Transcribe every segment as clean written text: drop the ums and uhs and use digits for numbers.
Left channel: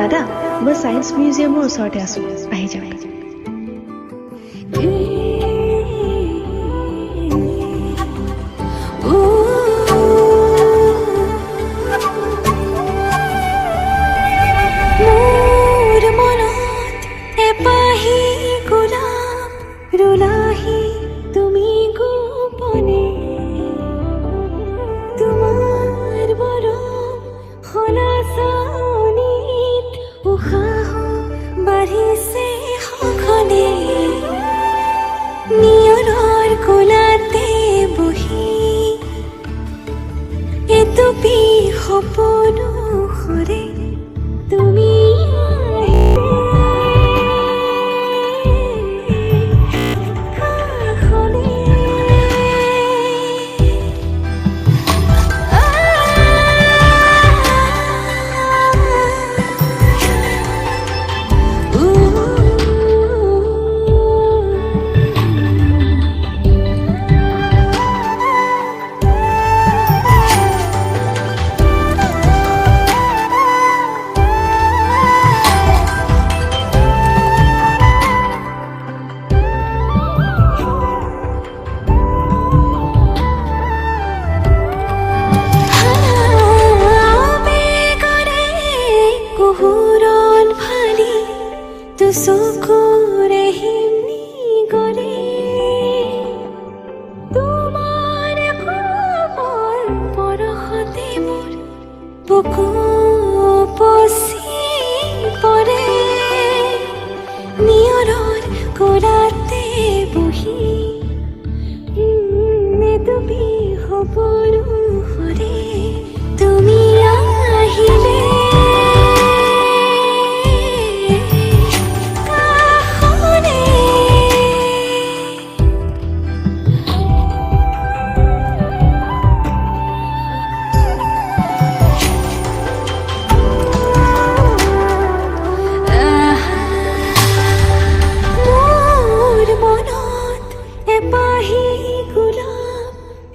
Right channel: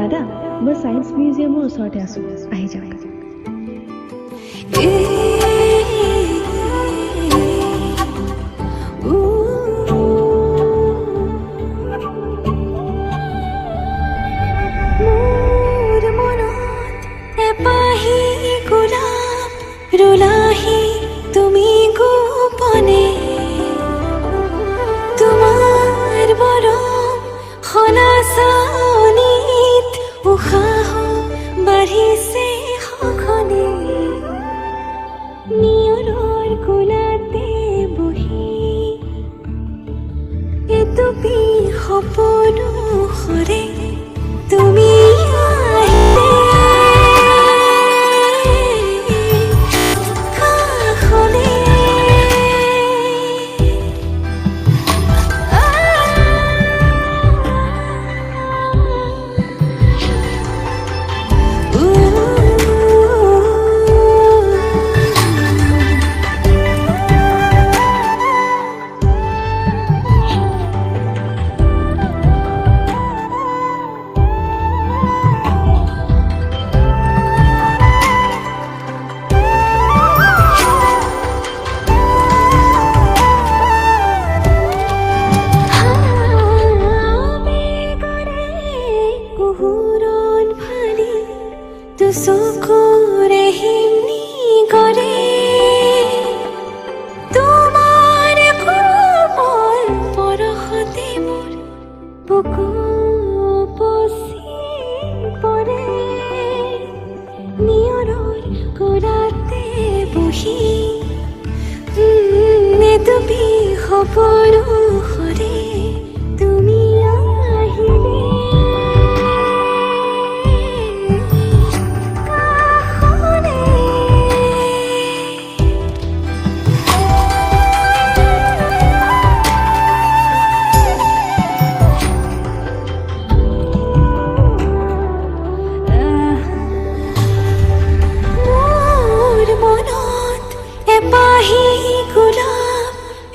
দাদা মই সায়েন্স মিউজিয়ামৰ ওচৰতে আছো আহি যাওক ৰুলাহি তুমি গোপনে তোমাৰ মৰম খলাচনিত উশাহ বাঢ়িছে সঘনে নিয়ৰৰ কোলাতে বহি এটুপি সপোনো সৰে তুমি চকুৰে হিনি কৰে তোমাৰ কোমল পৰশতে মোৰ বুকু পচি পৰে নিয়ৰৰ কোলাতে বহি এটুপি সপোনো সৰে তুমি আহিলে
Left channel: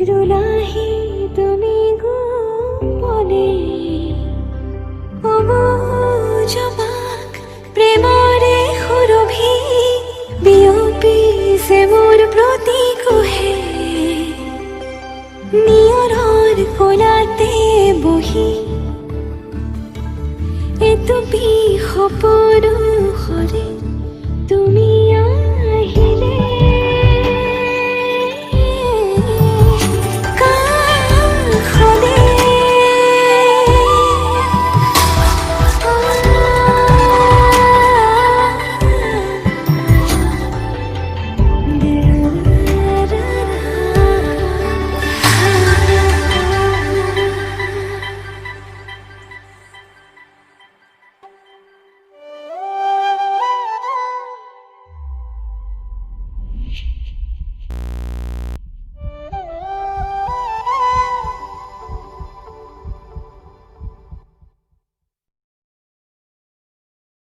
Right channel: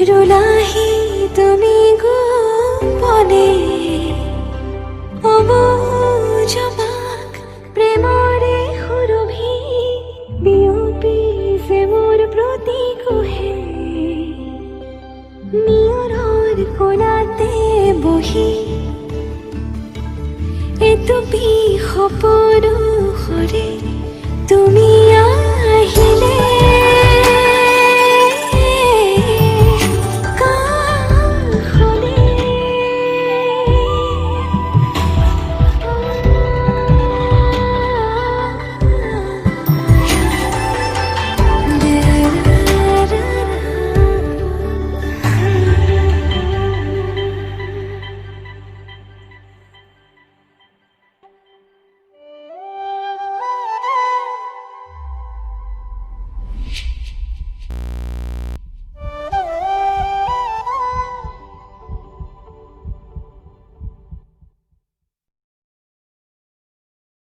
ৰুলাহি তুমি গোপনে অবুজবাক প্ৰেমৰে সুৰভি বিয়পি যে মোৰ প্ৰতি কহে নিয়ৰৰ কোলাতে বহি এটুপি সপোনো সৰে তুমি আহিলে